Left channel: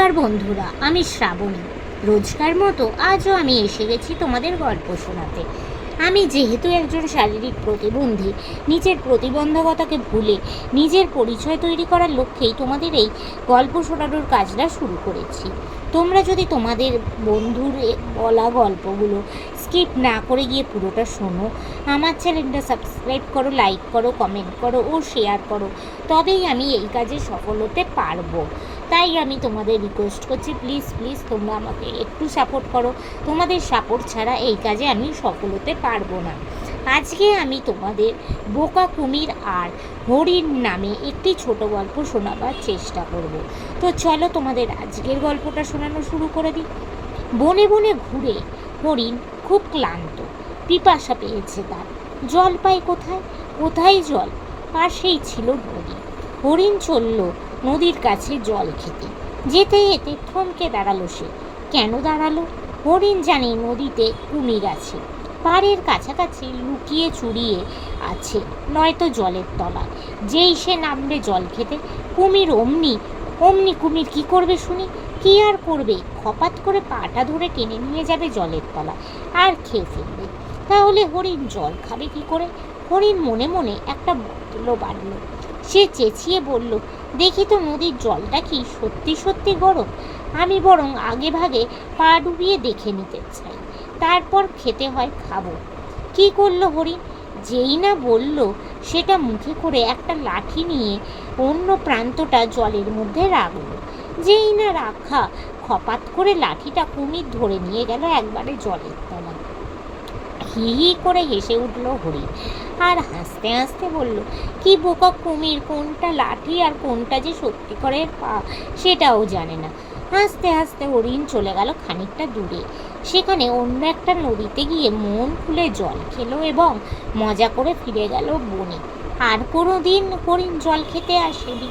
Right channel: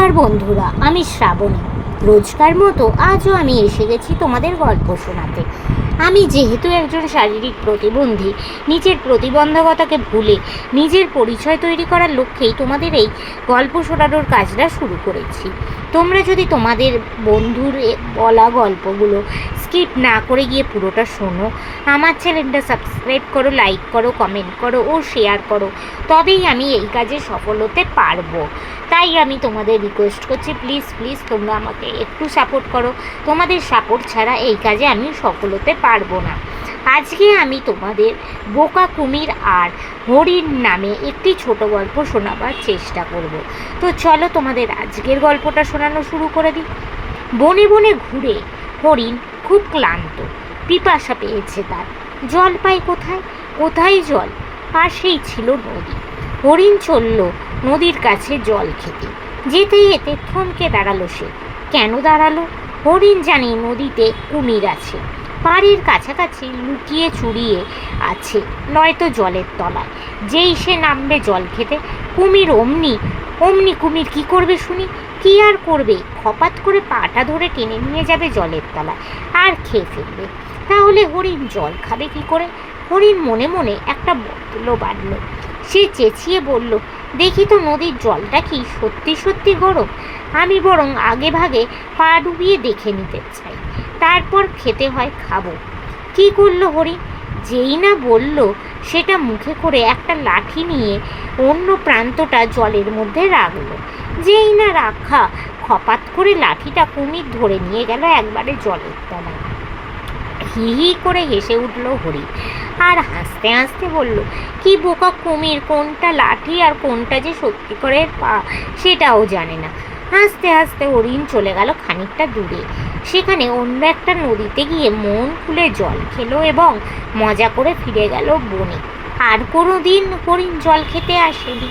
নমস্কার বন্ধুরা, আমি শ্রাবণী। রোজকার মতো আজও আমি এসে গেছি তোমাদের গল্প শোনাতে। আমি যেহেতু একজন শারীরিক প্রতিবন্ধী, নিজের প্রতিবন্ধকতাকে ভুলে নিজের পরিচয় তৈরি করার লক্ষ্যেই তোমাদের এই গল্প শোনানোর কাজটা শুরু করেছি। তোমরা যদি তোমাদের বন্ধুর বলা গল্পগুলো স্কিপ না করে গিয়ে পুরোটা শোনো, আমার চ্যানেলটা সাবস্ক্রাইব করো, লাইক করো, কমেন্ট করো ও শেয়ার করো, তবেই আমি এই কাজে সফল হতে পারব। তাই আমি তোমাদের রিকোয়েস্ট করছি প্লিজ প্লিজ তোমরা আমাকে একটু সাপোর্ট করো। তোমাদের সাপোর্ট ছাড়া এই কাজে আমি সফল হতে পারব না। আজকে আমি তোমাদের বোকা কুমির আর হরিণ নামে একটি ছোট গল্প শোনাবার চেষ্টা করব। তো চলো তোমাদের আজকের গল্পটা শোনানো শুরু করে দিই। বনে বনে ঘুরে হরিণ খুব ক্লান্ত। পিপাসা পেয়েছে তার। জল পায় কোথায়? কোথায় জল? পাশেই ছিল নদী। হরিণ চলল নদীর কাছে জল খেতে। যেতে যেতে থমকে দাঁড়াল সে। কেন দাঁড়াল? হরিণ জানে নদীতে কুমির আছে। পাড়ের কাছাকাছি লুকিয়ে চুরিয়ে আছে, নয়তো জলের তলায়। যেই সে নামবে জল খেতে, কুমির অমনি অমনি কুমির কি করবে শুনি? কি আর করবে? খপাত করে পাটা ধরে টেনে নিয়ে যাবে জলের তলায় আর খেয়ে ফেলবে। তাহলে হরিণ জল খাবে কি করে? হরিণ মনে মনে একটা বদলো বাঁধল সে চেঁচিয়ে বলল, দেখি তো নদীর জলটা কি সত্যি সত্যি গরম। আমি বরং আগে ভাগে পা ডুবিয়ে দেখে নিতে চাই। তারপর খেতে হয় খাব। কি করল হরিণ যেই না বলল, সেটা মুখে করে একটা লাঠি নিয়ে অন্য প্রান্তটা জলের মধ্যে রাখল। যেই না রাখা, খপাত করে লাঠিটা কুমির ধরে নিয়ে গেল একবারে জলের তলায়। হি হি করে হেসে উঠল হরিণ আর হাসতে হাসতে বলল, কি বোকা কুমির, কোনটা লাঠি আর কোনটা যে সত্যিকারের পা, সেটাও জানে না। হাসতে হাসতে হরিণ চলে গেল খানিকটা দূরে। সেখানে অন্য একটা নদীতে গিয়ে মন খুলে জল খেলো এবং মজা করে ফিরে গেল বনে। আর কোনো দিন হরিণ জল খেতে আসেনি।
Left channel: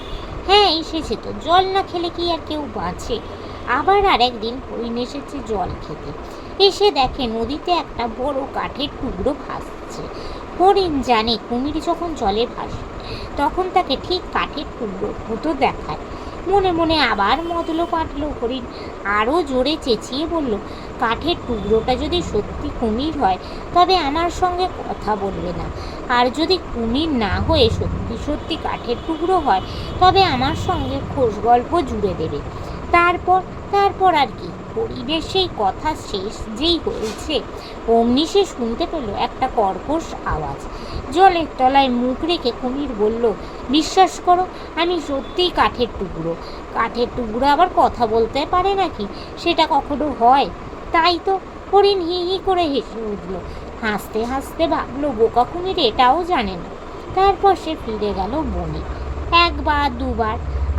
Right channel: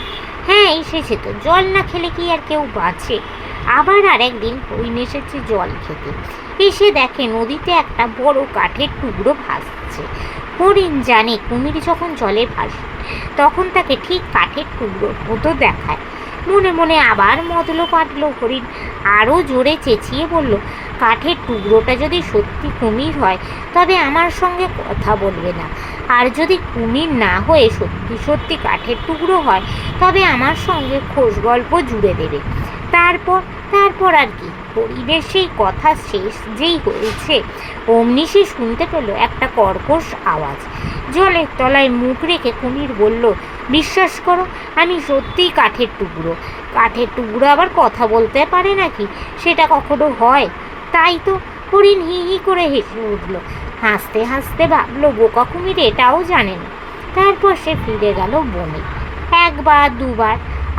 হ্যাঁ এসেছে তো, জল না খেলে কি আর কেউ বাঁচে? আবার আর একদিন হরিণ এসেছে জল খেতে। এসে দেখে নদীতে একটা বড় কাঠের টুকরো ভাসছে। হরিণ জানে কুমির যখন জলে ভাসে, তখন তাকে ঠিক কাঠের টুকরো মতো দেখায়। মনে মনে আবার মদলো পাটলো হরিণ আরও জোরে চেঁচিয়ে বলল, কাঠের টুকরোটা যদি সত্যি কুমির হয়, তবে আমার সঙ্গে কথা বলবে না। আর যদি কুমির না হয়ে সত্যি সত্যি কাঠের টুকরো হয়, তবে আমার সঙ্গে খোশ গল্প জুড়ে দেবে। তারপর তারপর আর কি। হরিণের সেই কথা শেষ যেই হয়েছে, অমনি সে শুনতে পেল একটা কর্কশ আওয়াজ। জলের তলায় মুখ রেখে কুমির বলল, বিশ্বাস করো, আমি সত্যিই কাঠের টুকরো। কাঠের টুকরো আবার কথা বলতে পারে নাকি? সেটা কখনো হয়? তাই তো হরিণ হি হি করে হেসে উঠল। হাসতে হাসতে ভাবলো, বোকা কুমির এটাও জানে না। তারপর সে ফিরে গেল বনে। একবার, দুবার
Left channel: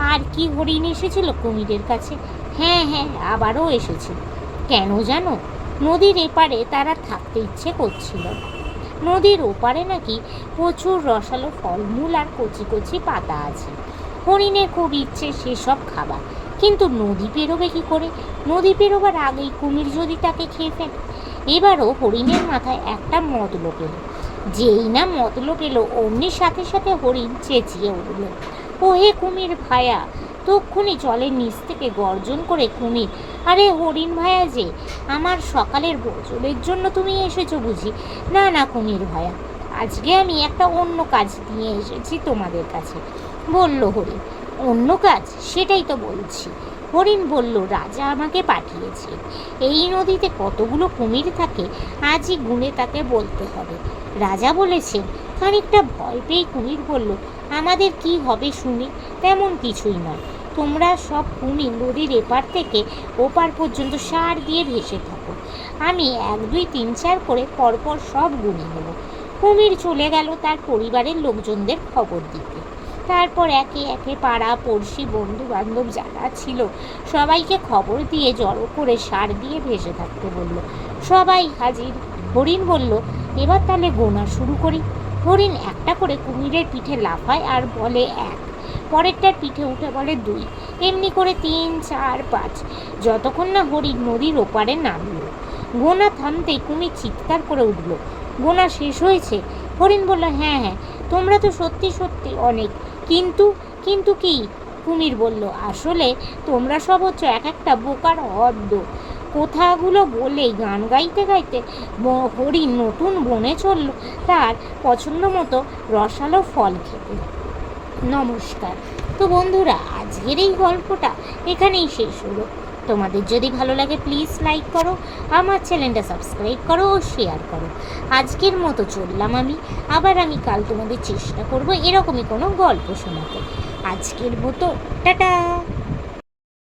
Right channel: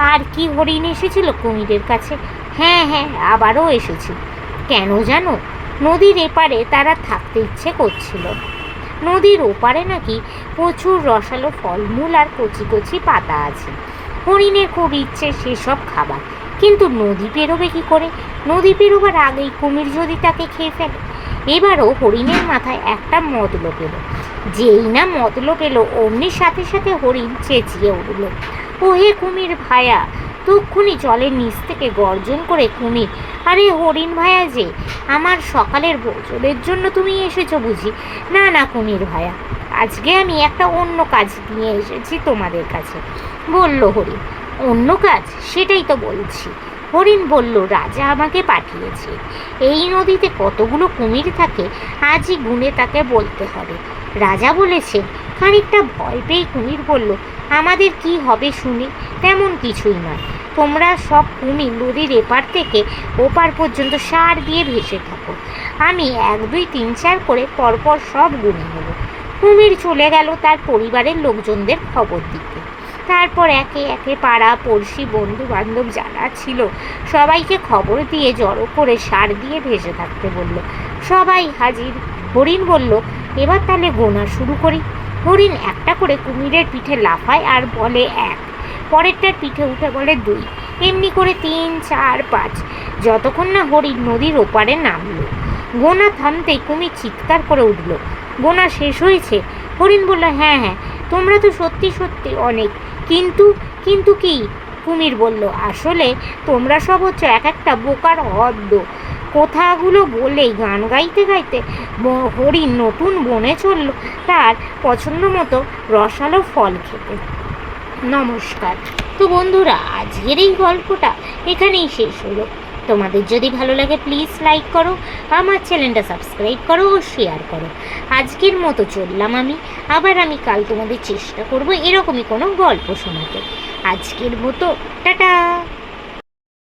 আর কি হরিণ এসেছিল কুমিরের কাছে? হ্যাঁ হ্যাঁ আবারও এসেছিল কেন জানো? নদীর এপারে তারা থাকতে ইচ্ছে করছিল নদীর ওপারে নাকি প্রচুর রসালো ফলমূল আর কচি কচি পাতা আছে। হরিণের খুব ইচ্ছে সেসব খাবার। কিন্তু নদী পেরোবে কি করে? নদী পেরোবার আগেই কুমির যদি তাকে খেয়ে ফেলে, এবারও হরিণের মাথায় একটা মতলো পেল যেই না মতলো পেল অমনি সাথে সাথে হরিণ চেঁচিয়ে উঠল। ও হে কুমির ভায়া, তক্ষুনি জলের নিচ থেকে গর্জন করে কুমির, আরে হরিণ ভায়া যে, আমার সকালের ভোজনের জন্য তুমি এসেছ বুঝি। না না কুমির ভায়া, আজকে আমি একটা অন্য কাজ নিয়ে এসেছি তোমাদের কাছে। বলল হরিণ, অন্য কাজ? সেটাই তো বলছি। হরিণ বলল, রাজা আমাকে পাঠিয়েছে। এই নদীতে কতগুলো কুমির থাকে, আজই গুনে তাকে বলতে হবে। রাজা বলেছেন, খানিকটা ভয় পেয়ে কুমির বলল আমাদের কি হবে শুনি, তেমন কিছুই নয়। তোমরা সব কুমির নদীর এপার থেকে ওপার পর্যন্ত সার দিয়ে ভেসে থাকো। আমি এক, দুই, তিন, চার করে পরপর সব গুনে নেব। কুমির চলে গেল তার পরিবারের লোকজনদের খবর দিতে। তারপর একে একে পাড়া, পড়শি বন্ধু বান্ধব যারা ছিল, সবাইকে খবর দিয়ে জড়ো করে সার দিয়ে ভেসে থাকতে বলল, সবাই হাজির। হরিণ বলল, এবার তাহলে গোনা শুরু করি। হরিণ একটা করে কুমিরের পিঠে লাফায় আর বলে এক। পরেরটার পিঠে উঠে বলে দুই। এমনি করে তিন, চার, পাঁচ। যতক্ষণ না হরিণ নদীর ওপারে নামলো। গোনা থামতেই কুমির চিৎকার করে উঠল। গোনা শেষ হয়েছে? হরিণ বলল হ্যাঁ হ্যাঁ তোমরা তো সত্যি সত্যি অনেক। কিন্তু কিন্তু কি? কুমির বলল, আসলে তোমরা সব হচ্ছে এক একটা বোকার হদ্দ কথাগুলো বলেই গান গাইতে গাইতে হরিণ নতুন বনে চলল। তার পছন্দ মতো রসালো ফল খেতে। নমস্কার। তো বন্ধুরা, আজকের এই গল্পটা এখানেই শেষ হলো। তোমাদের যদি ভালো লাগে প্লিজ লাইক করো, আমার চ্যানেলটা সাবস্ক্রাইব করো ও শেয়ার করো। আজকের মতো চললাম আমি। আবার আমি কাল তোমাদের চেষ্টা করব এরকমই কোনো গল্প শোনাতে। আজকের মতো, টাটা!